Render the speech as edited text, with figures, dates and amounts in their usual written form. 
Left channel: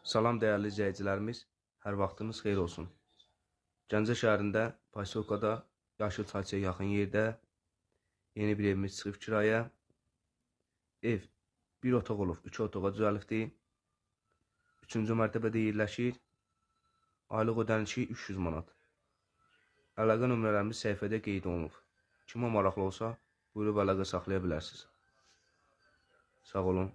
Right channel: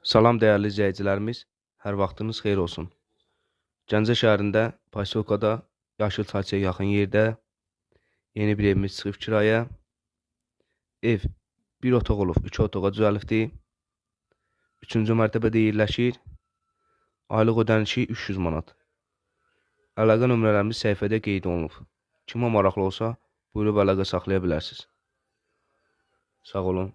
Salam dəyərli izləyicilərimiz, hər vaxtınız xeyir olsun. Gəncə şəhərində Posyolkada Yaşıl Çayçaya yaxın yerdə yeni bir evimiz çıxıb kirayə. Ev 1 otaq olub, 2 otağa düzəlibdir. 3-cü mərtəbədə yerləşir. Aylıq ödənişi 300 manat. Əlaqə nömrələrimiz səhifədə qeyd olunub. Kimə maraqlı olsa, buyurub əlaqə saxlaya bilərsiniz. Sağ olun.